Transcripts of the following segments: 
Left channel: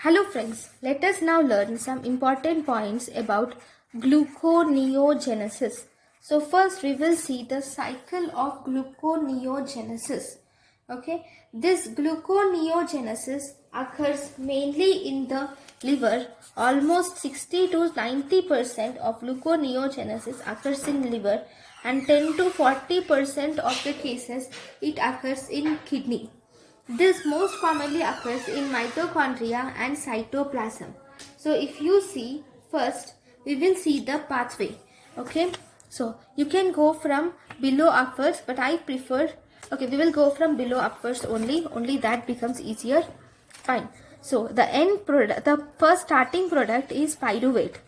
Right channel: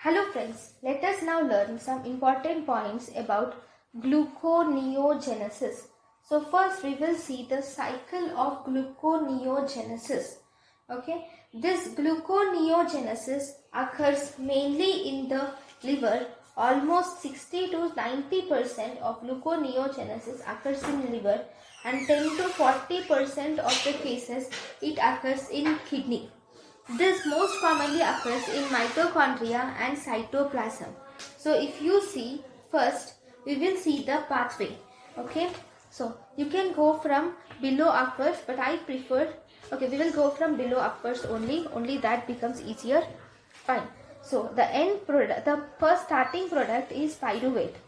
Hello friends, let us now learn some important points about gluconeogenesis. So first we will see the cycle of gluconeogenesis. Okay, this gluconeogenesis occurs mainly in the liver. Almost 60 to 90% of gluconeogenesis occurs in liver and 10 to 40% of the cases it occurs in kidney. This most commonly occurs in mitochondria and cytoplasm. So if you see, first we will see the pathway. Okay, so you can go from below upwards, but I prefer, okay, we will go from below upwards only that becomes easier. Fine. So the end product, the first starting product is pyruvate.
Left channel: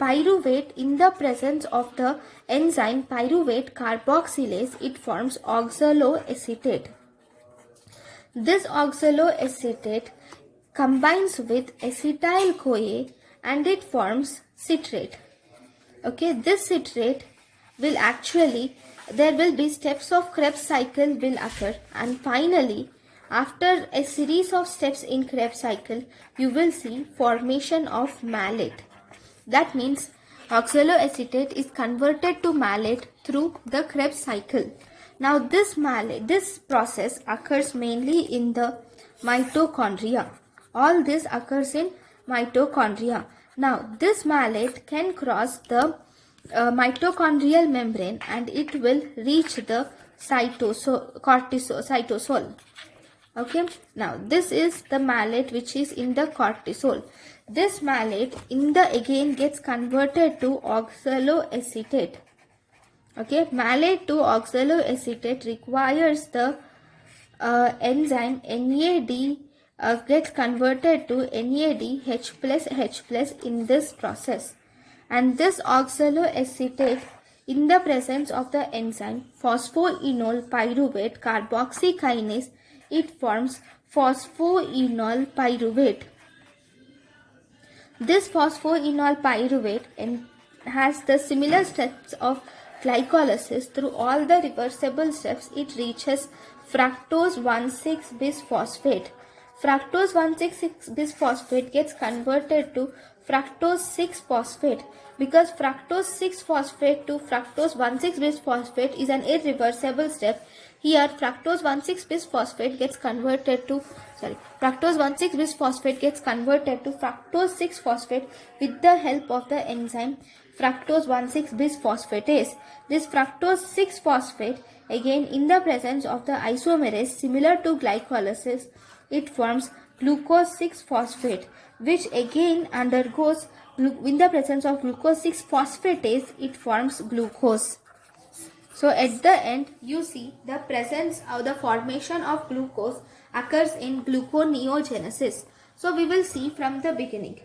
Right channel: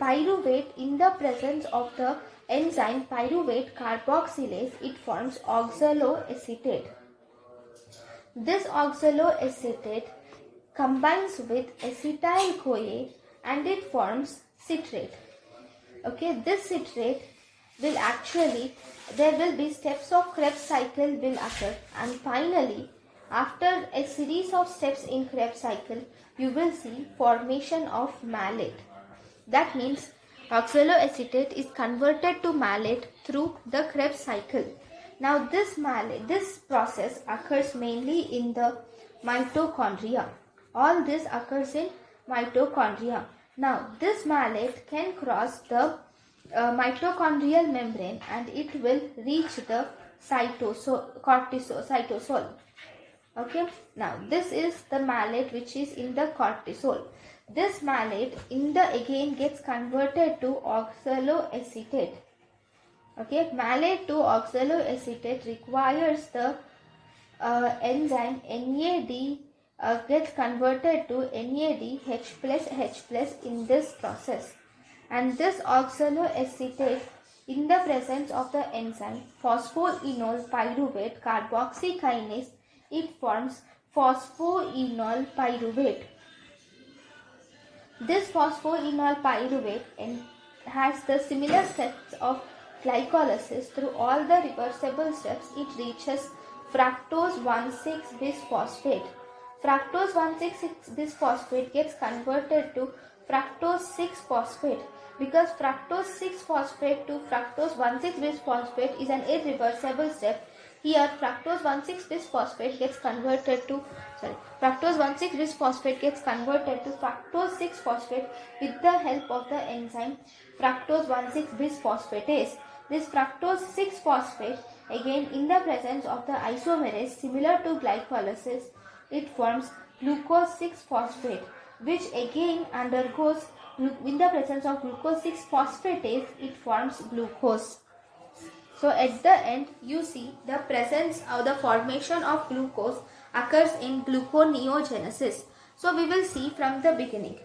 Pyruvate, in the presence of the enzyme pyruvate carboxylase, it forms oxaloacetate. This oxaloacetate combines with acetyl-CoA and it forms citrate. Okay, this citrate will actually, there will be steps of Krebs cycle will occur, and finally after a series of steps in Krebs cycle you will see formation of malate. That means oxaloacetate is converted to malate through the Krebs cycle. Now this process occurs mainly in the mitochondria. All this occurs in mitochondria. Now this malate can cross the mitochondrial membrane and it will reach the cytosol. Okay, now this is the malate which is in the cortisol. This malate again gets converted to oxaloacetate. Okay, malate to oxaloacetate requires the enzyme NAD gets converted to NADH plus H plus in this process, and this oxaloacetate, in the presence of the enzyme phosphoenol pyruvate carboxykinase, it forms phosphoenol pyruvate. This phosphoenol pyruvate has the similar steps of glycolysis. Through all the reversible steps, it reaches fructose 1,6-bisphosphate. Fructose 1,6-bisphosphate gets converted to fructose 6-phosphate. Because fructose 6-phosphate to fructose 1,6-bisphosphate is an irreversible step, here fructose 1,6-bisphosphate gets converted to fructose 1,6-bisphosphate gets converted to fructose 6-phosphate with the help of the enzyme fructose 1,6-bisphosphatase. This fructose 6-phosphate, again in the presence of the isomerase similar to glycolysis, it forms glucose 6-phosphate, which again undergoes, in the presence of glucose 6-phosphatase, it forms glucose. So at the end you see the presence of the formation of glucose occurs in gluconeogenesis. So we will see from the beginning.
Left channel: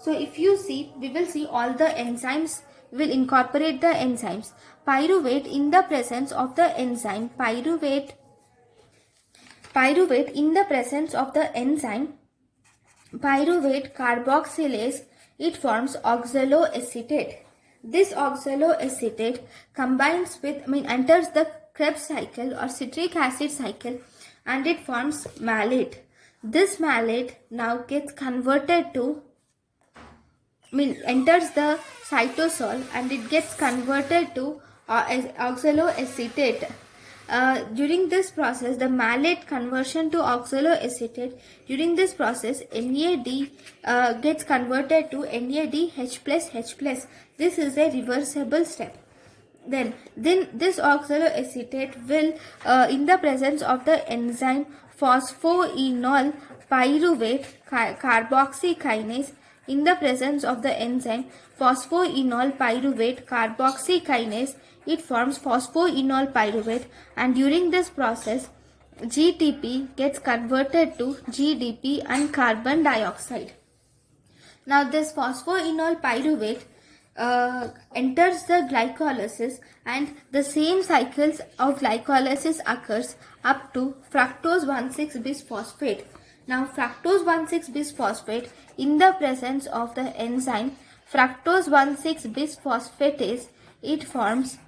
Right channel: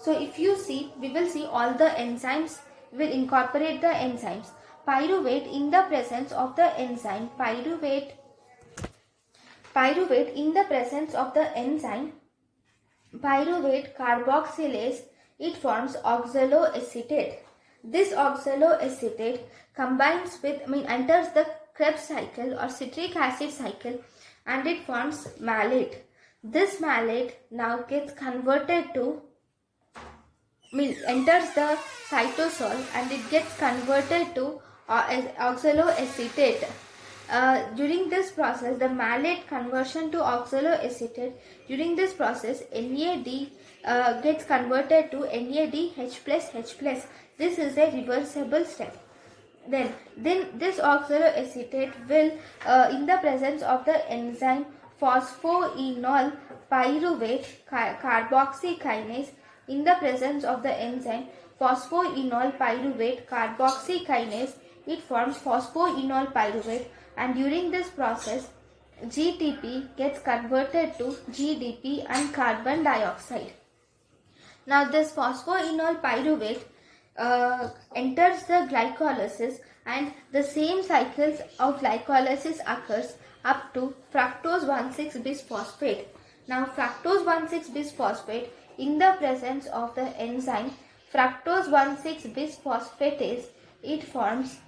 So if you see, we will see all the enzymes, will incorporate the enzymes. Pyruvate, in the presence of the enzyme pyruvate in the presence of the enzyme pyruvate carboxylase, it forms oxaloacetate. This oxaloacetate combines with, enters the Krebs cycle or citric acid cycle and it forms malate. This malate now gets converted to, enters the cytosol and it gets converted to oxaloacetate. During this process, the malate conversion to oxaloacetate, during this process NAD gets converted to NADH plus H plus. This is a reversible step. Then this oxaloacetate will, in the presence of the enzyme phosphoenol pyruvate carboxykinase, in the presence of the enzyme phosphoenol pyruvate carboxykinase, it forms phosphoenol pyruvate, and during this process GTP gets converted to GDP and carbon dioxide. Now this phosphoenol pyruvate enters the glycolysis and the same cycles of glycolysis occurs up to fructose 1,6-bisphosphate. Now fructose 1,6-bisphosphate, in the presence of the enzyme fructose 1,6-bisphosphatase, it forms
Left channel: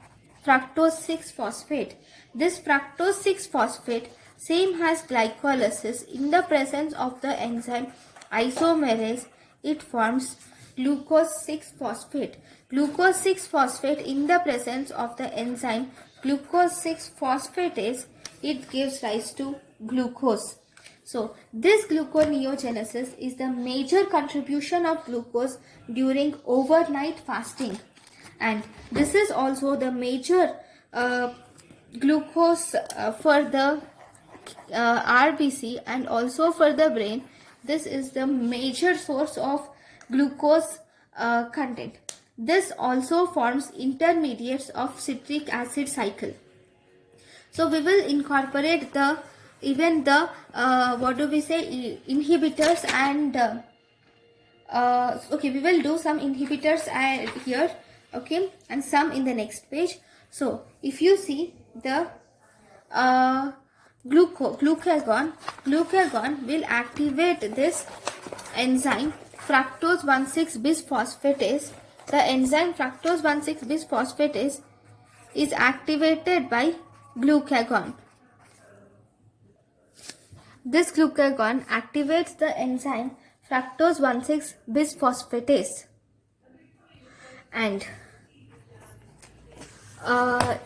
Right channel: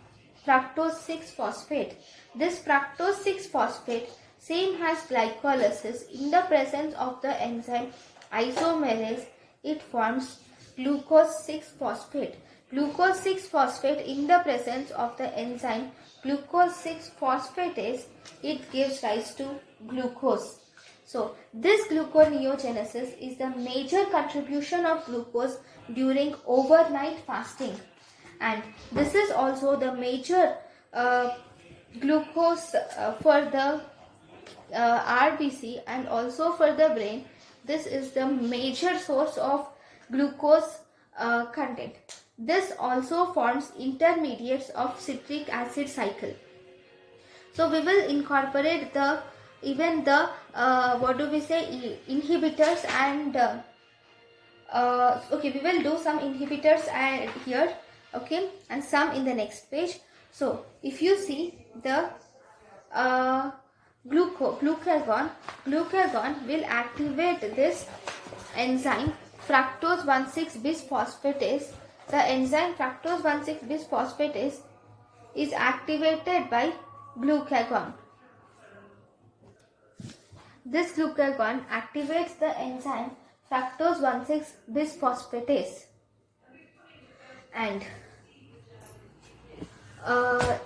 fructose 6-phosphate. This fructose 6-phosphate same has glycolysis, in the presence of the enzyme isomerase, it forms glucose 6-phosphate. Glucose 6-phosphate in the presence of the enzyme glucose 6-phosphatase, it gives rise to glucose. So this gluconeogenesis is the major contribution of glucose during overnight fasting, and this is also the major glucose for the RBC and also for the brain. This is the major source of glucose content. This also forms intermediates of citric acid cycle. So we will incorporate the inhibitors and okay, we will do some inhibitors here, okay, and some in the next page. So if you see the glucagon will activate this enzyme fructose 1,6-bisphosphatase. The enzyme fructose 1,6-bisphosphatase is activated by glucagon. This glucagon activates the enzyme fructose 1,6-bisphosphatase, and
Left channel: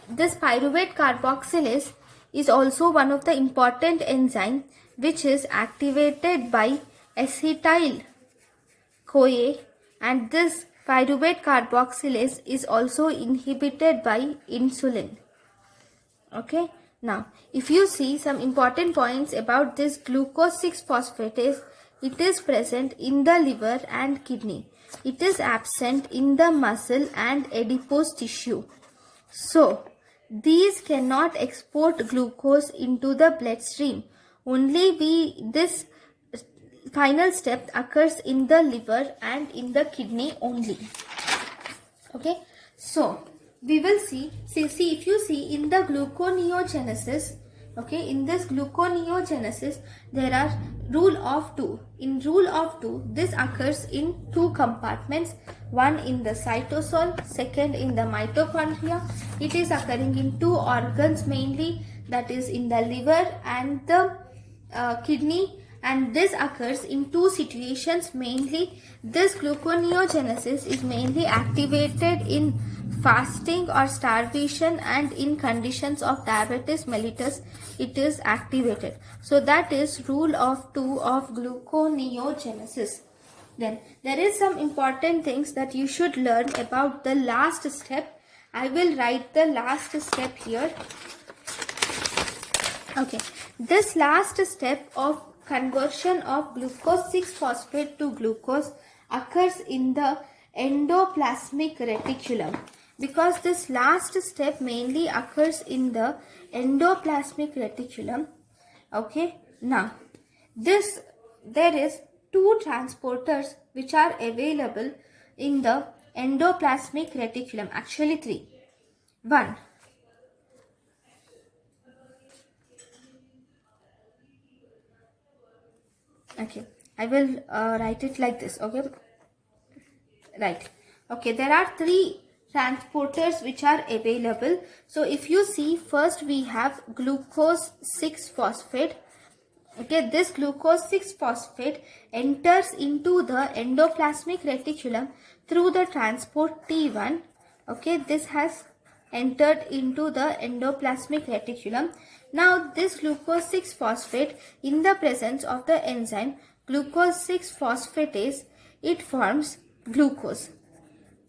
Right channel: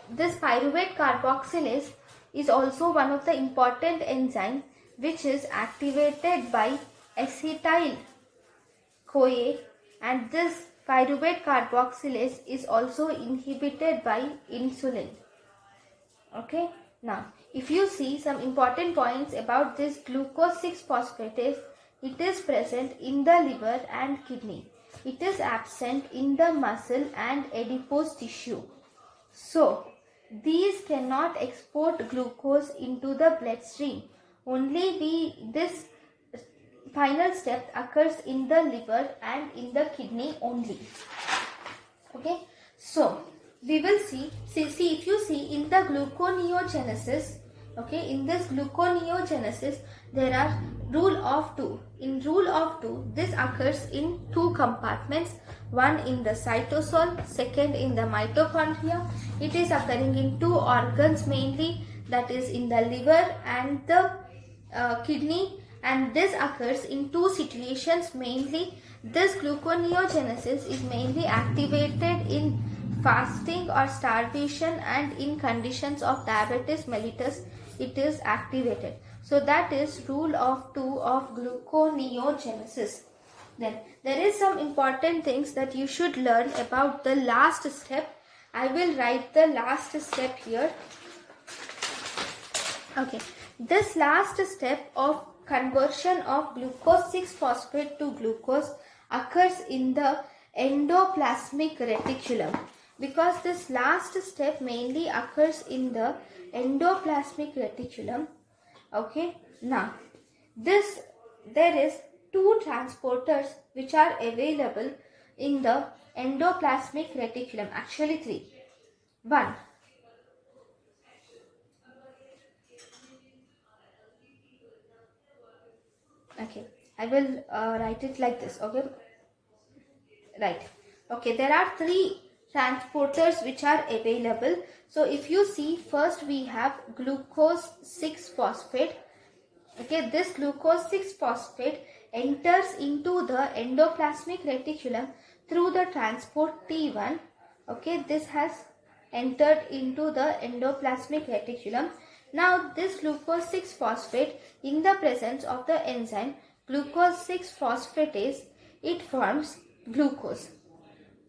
this pyruvate carboxylase is also one of the important enzyme which is activated by acetyl CoA, and this pyruvate carboxylase is also inhibited by insulin. Okay, now if you see some important points about this glucose 6-phosphatase, it is present in the liver and kidney. It is absent in the muscle and adipose tissue. So these cannot export glucose into the bloodstream. Only this final step occurs in the liver and in the kidney only. Okay, so we will see if you see in the gluconeogenesis, okay, in this gluconeogenesis there are rule of 2. In rule of 2, this occurs in 2 compartments, one in the cytosol, second in the mitochondria. It is occurring in 2 organs mainly, that is in the liver and the kidney, and this occurs in 2 situations mainly. This gluconeogenesis is mainly activated in fasting or starvation, and in conditions of diabetes mellitus it is activated. So that is rule of 2 of gluconeogenesis. Then there is some important things that you should learn about the last step. I will write the last step here. Okay, this last step of conversion of glucose 6-phosphate to glucose occurs in the endoplasmic reticulum, because this last step mainly occurs in the endoplasmic reticulum. Okay, now there is 2 transporters which are available in the endoplasmic reticulum, actually 3. 1, okay, I will write it like this. Okay, right, okay, there are 3 transporters which are available. So if you see, first we have glucose 6-phosphate. Okay, this glucose 6-phosphate enters into the endoplasmic reticulum through the transport T1. Okay, this has entered into the endoplasmic reticulum. Now this glucose 6-phosphate, in the presence of the enzyme glucose 6-phosphatase, it forms glucose,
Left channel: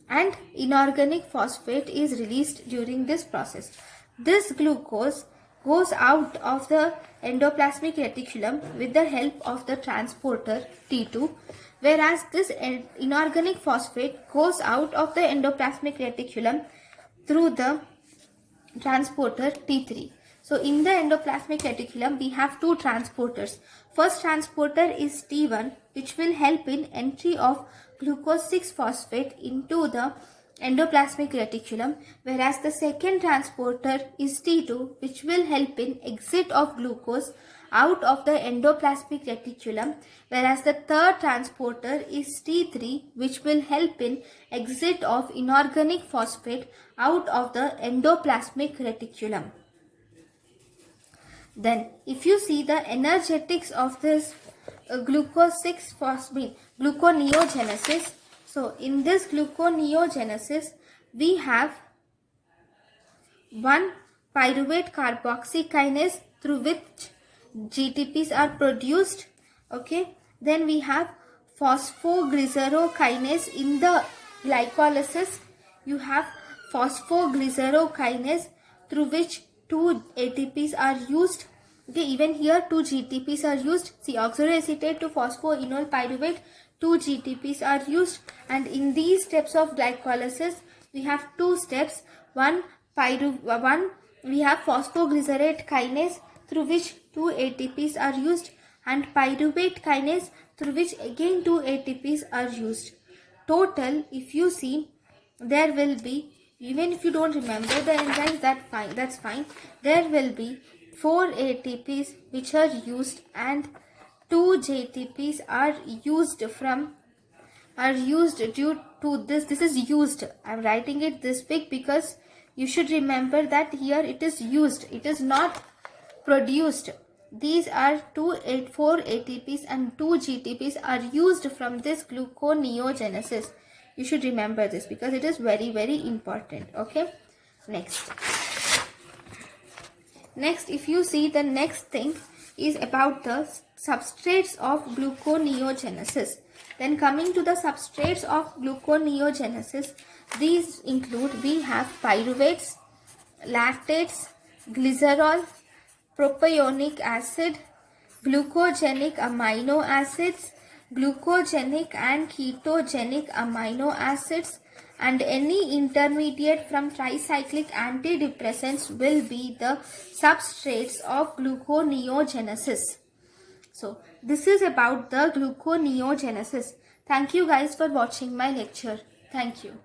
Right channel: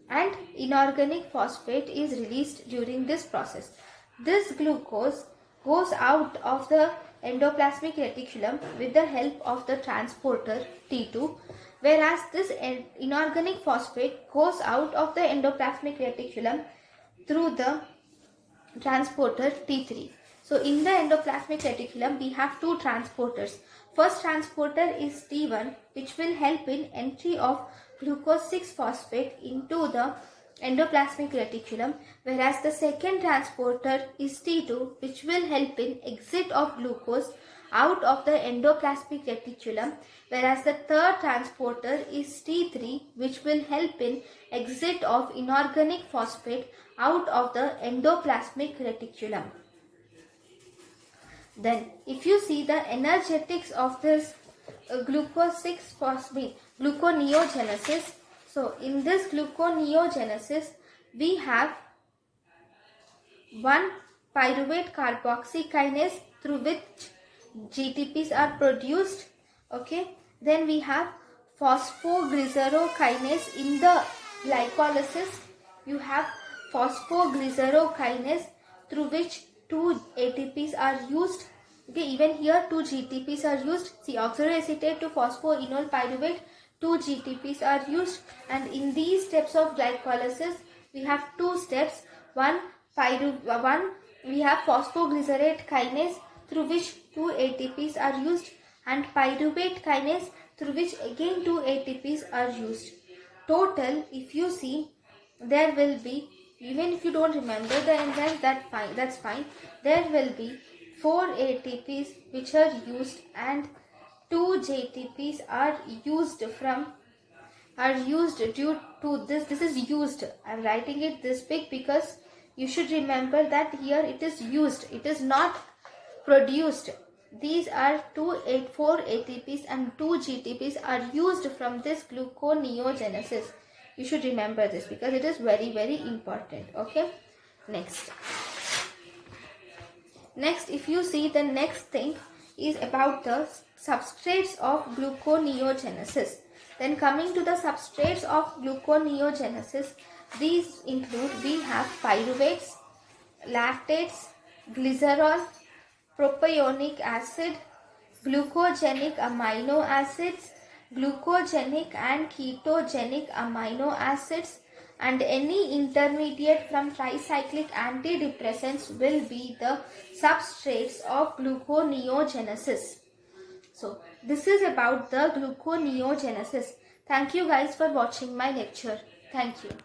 and inorganic phosphate is released during this process. This glucose goes out of the endoplasmic reticulum with the help of the transporter T2, whereas this inorganic phosphate goes out of the endoplasmic reticulum through the transporter T3. So in the endoplasmic reticulum we have 2 transporters. First transporter is T1, which will help in entry of glucose 6-phosphate into the endoplasmic reticulum, whereas the second transporter is T2, which will help in exit of glucose out of the endoplasmic reticulum, whereas the third transporter is T3, which will help in exit of inorganic phosphate out of the endoplasmic reticulum. Then if you see the energetics of this glucose 6-phosphate gluconeogenesis. So in this gluconeogenesis, we have one pyruvate carboxy kinase through which GTPs are produced. Okay, then we have phosphoglycerokinase in the glycolysis. You have phosphoglycerokinase through which 2 ATPs are used. Okay, even here 2 GTPs are used. See, oxaloacetate to phosphoenol pyruvate, 2 GTPs are used, and in these steps of glycolysis we have 2 steps. One we have phosphoglycerate kinase through which 2 ATPs are used, and pyruvate kinase through which again 2 ATPs are used. Total, if you see, there will be, even if you don't remember the enzymes, that's fine. There will be 4 ATPs which are used and 2 JTPs are used due to this. This is used. I'm writing it this big because you should remember that here it is used. It is not produced. These are 4 ATPs and 2 GTPs are used from this gluconeogenesis. You should remember this because it is very, very important. Okay. Next, if you see, the next thing is about the substrates of gluconeogenesis. Then coming to the substrates of gluconeogenesis, these include, we have pyruvates, lactates, glycerol, propionic acid, glucogenic amino acids, glucogenic and ketogenic amino acids, and any intermediate from tricyclic antidepressants will be the substrates of gluconeogenesis. So this is about the gluconeogenesis. Thank you guys for watching my lecture. Thank you.